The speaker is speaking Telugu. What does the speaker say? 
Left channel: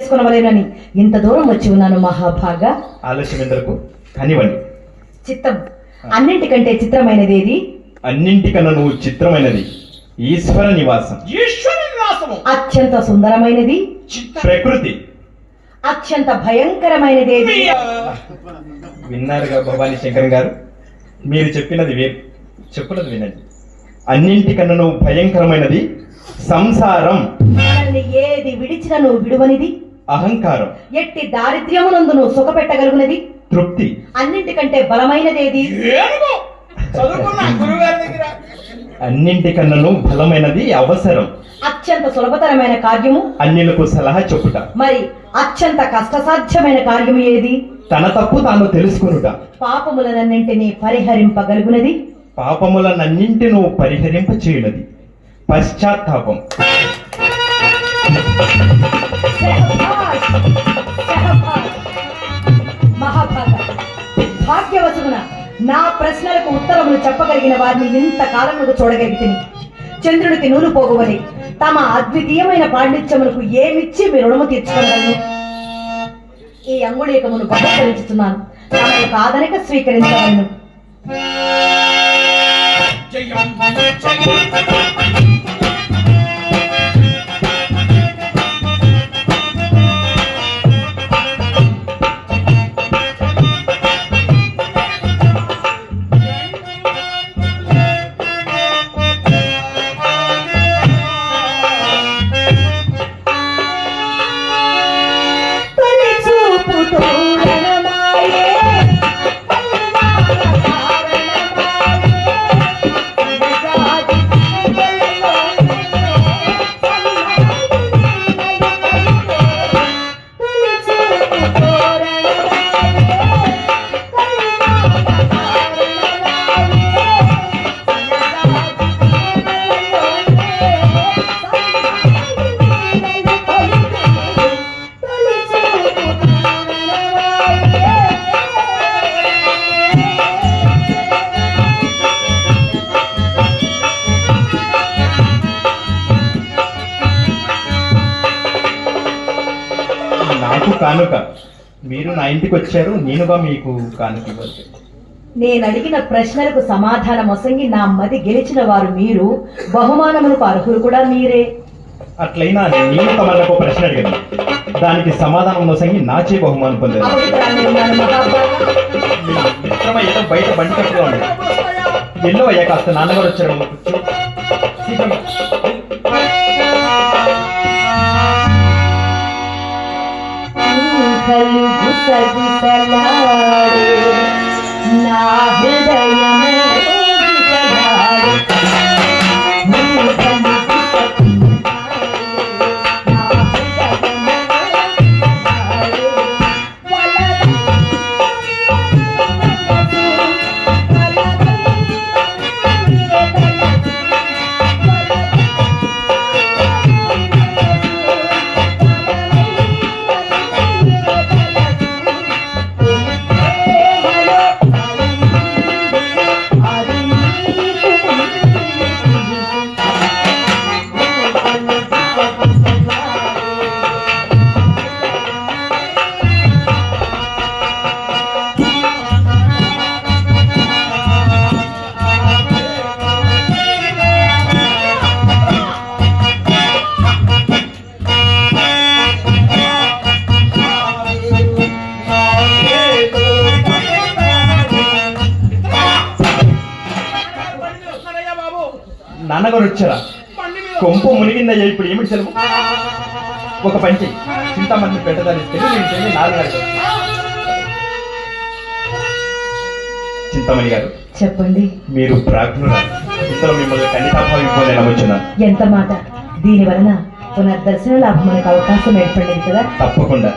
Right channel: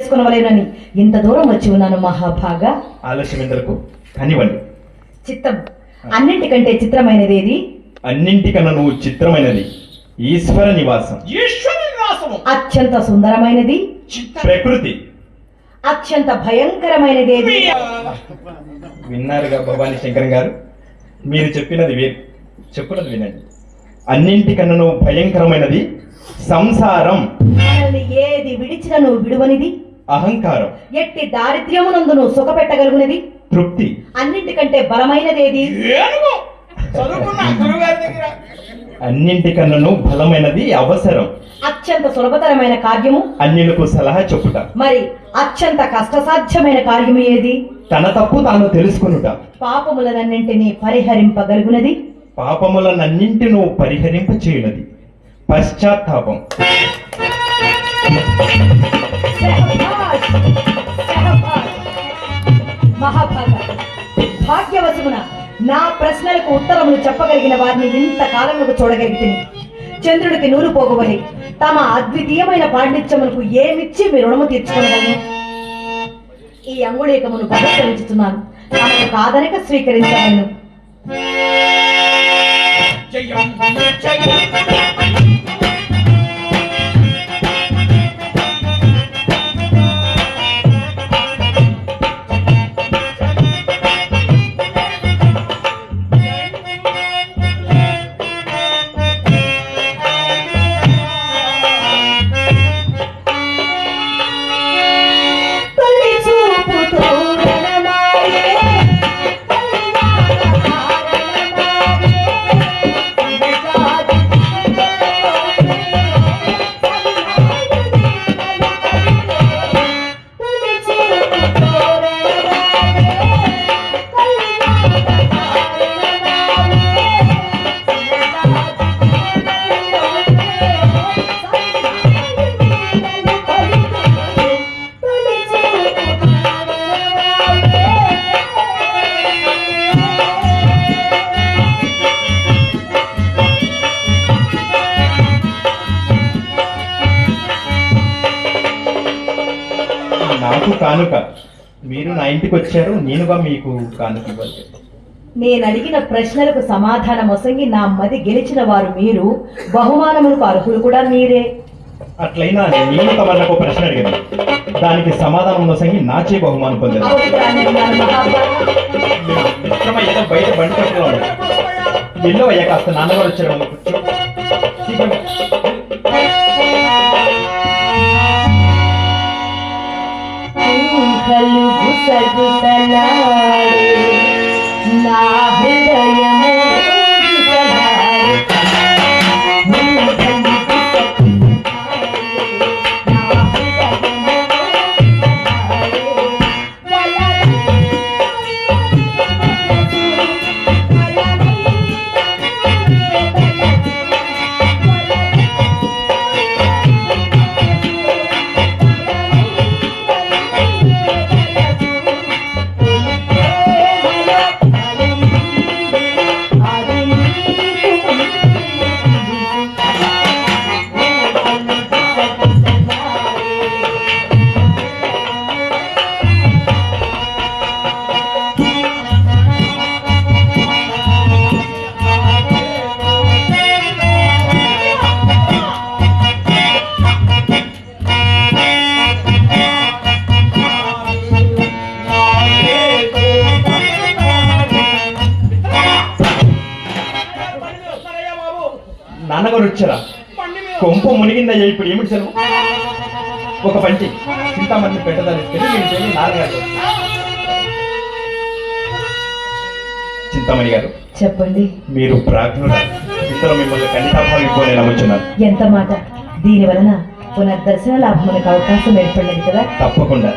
చేసుకోవాలని ఇంత దూరం వచ్చి ఉన్నాను మహాభాగా. ఆలస్యం ఎందుకు కానివ్వండి. చిత్తం అన్నింటికంటే చిత్రమైనది ఏది? అన్నింటికన్నా నువ్వు చిత్రమైనది ఈశ్వర నివాసం. అత్యంత సుందరమైనది ప్రకృతి. అత్యంత భయంకరమైనది ఏది? విన్నారుగా భవానీ శంకర్ గారు, మీరు చెప్పినది వేరు, చెప్పున్నది వినండి. అన్నింటికన్నా నువ్వు భయంకరమైనది సంసారం. మనల్ని ఏది విడిచినా నువ్వు విడువనిది అహంకారం. ఎట్టి దారిద్ర్యమునందు నువ్వు సుఖపెట్టగలుగునది తృప్తి. అన్నింటికంటే బలమైనది ఏది? అన్నింటికన్నా నువ్వు బలమైనది అవసరం. అత్యంత సులభతరమైన కార్యము అన్యులకు సలహా చెప్పుట. మరి అత్యంత కష్టసాధ్యమైన కార్యము ఏది? తన తప్పు తాను తెలుసుకొనుట. పాపములనన్నింటినీ పరిహరింపగలుగునది పాపములనన్నింటి నువ్వు పరిహరింప చేయునది పశ్చాత్తాపం. భాగ్యవశమున నా ప్రశ్నలకు ఉత్తరములు చెప్పగలిగిన వారిని ఇంత కాలములకు చూడగలిగితే చంద్రుడికి నూరు పోగువని తమ అద్వితీయమైన పాండిత్యములకు ఏమిచ్చి మీ రుణము తీర్చుకోగలను. ఈ అంగుళీకమును బహుకరించుతున్నాను, తమకు కాదనక స్వీకరించవలను. నాకు కానుక, మీరు నా ఇంటికి వచ్చారు, నేనుగా మీకు కానుక ఇవ్వాలి. నేను అడిగిన ప్రశ్నలకు సమాధానం వసంగి నా మది గెలిచిన వారు మీరు, బహుమానములకు అర్హులు కూడా మీరే. అట్లయినా నేను తమకు ప్రశ్న అడిగాను, దానికి సమాధానం వసంగి నాచే బహుమానం పొందాను. ఏదో బయట బండి కట్టుకోవాలి. ఎన్నో అయ్యా, కాస్త నాన్నగారు వచ్చారు. నా హృదయము నాన్నగారు వచ్చారా? కొంప మునిగిందయ్యా. ఇప్పుడు ఏమిటి సెలవు? ఒక పంచి చింతామణి పెట్టదాన్ని నేను చెల్లి 4 గంటలు. చింతామణి గారు చెప్పండి. మీరు ప్రాజ్ఞులు, ఇంతలో మిమ్మల్ని ఖండితాభావం ఇవ్వాలని నమ్ముచున్నాను. ఎంత మాట! దీని వలన పునర్దర్శన లాభములకు అవకాశం ఏర్పడింది కదా. తప్పకుండా.